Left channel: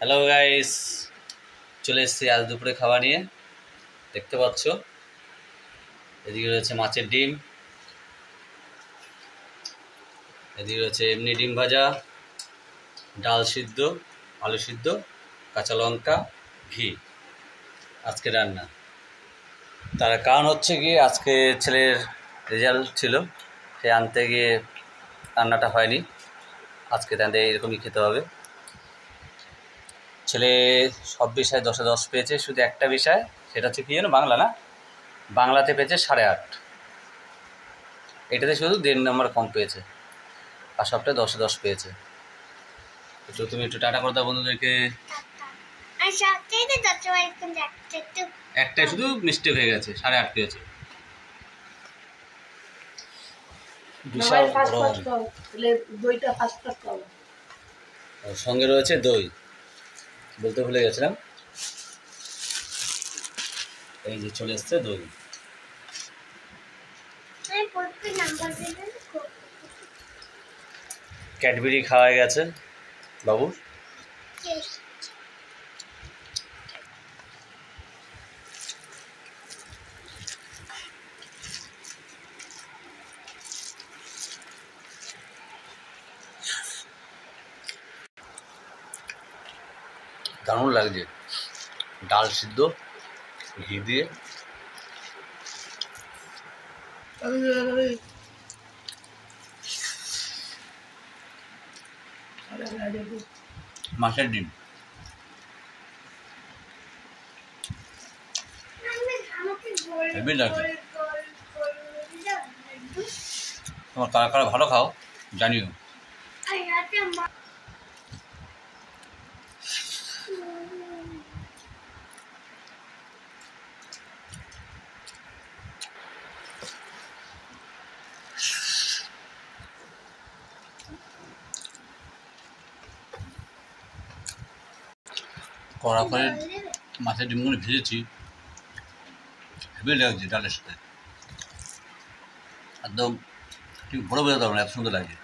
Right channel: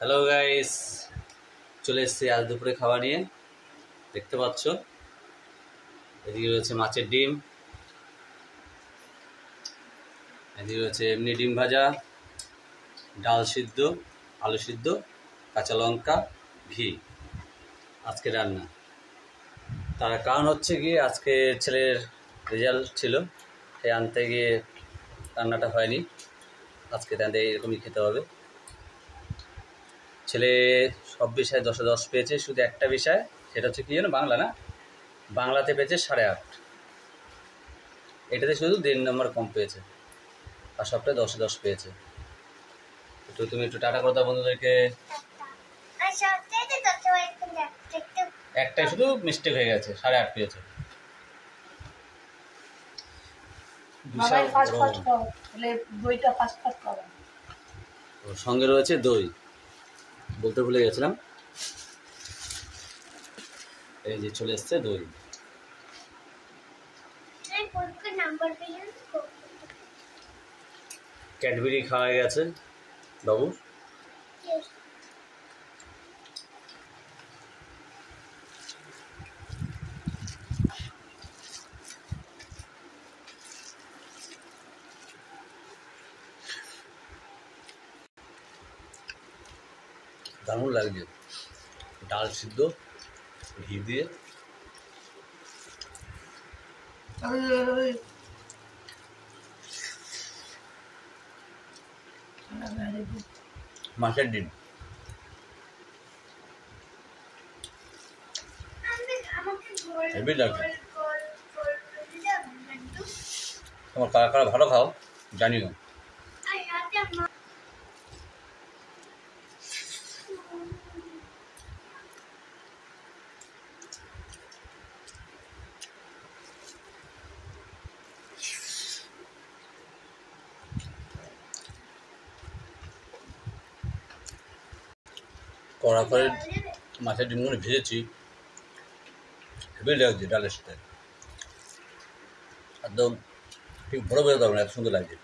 Hello guys, চলে এসেছি আজ দুপুরে খাওয়া নিয়ে। দেখতে পাচ্ছ এদিকে রয়েছে মাছের ডিম, এদিকে রয়েছে এমনি ডিম ভাজা, ডাল সিদ্ধ, আলু সিদ্ধ, কাঁচা লঙ্কা, ঘি। আজকে রান্না তার কারণ হচ্ছে কি, আজকে ছেলের রেজাল্ট ছিল, সে আনতে গিয়ে রান্নাটা হয়নি। আজকে তাদের এরকমই খেতে হবে। ছেলে সব বিষয়ে 10-এ 10 পেয়েছে, শুধু একটা বিষয়, সেটা হচ্ছে কি জানো, বাংলা না, বাংলাতে পেয়েছে 8.5। এটাতে শুধু 1.5 নম্বর কম পেয়েছে, আর সবটাই 10-এ 10 পেয়েছে। তো তুমি একটু টাটা করে দাও বন্ধুদেরকে। একটাই শুধু মিস্টেক হয়ে গেছে, 8.5 পেয়েছে। বিশাল সঙ্গে রয়েছে দই, বলতে ভুলে গেছিলাম। এই যে চলে এসছে দই। ক্যাডবেরি খাওয়া গেছে বাবুর। দারুণ লাগছে, ডাল সিদ্ধ ঘি দিয়ে। মাছের ডিম হেভি লাগছে। তোমার কারা কারা ভালো খাও জানিও। কড়া করে মাছের ডিমগুলো ভেজেছি, হেভি লাগছে ডালের সাথে। একদম ঠিক বড় বোঝাতে পারবো না, এত সুন্দর লাগছে।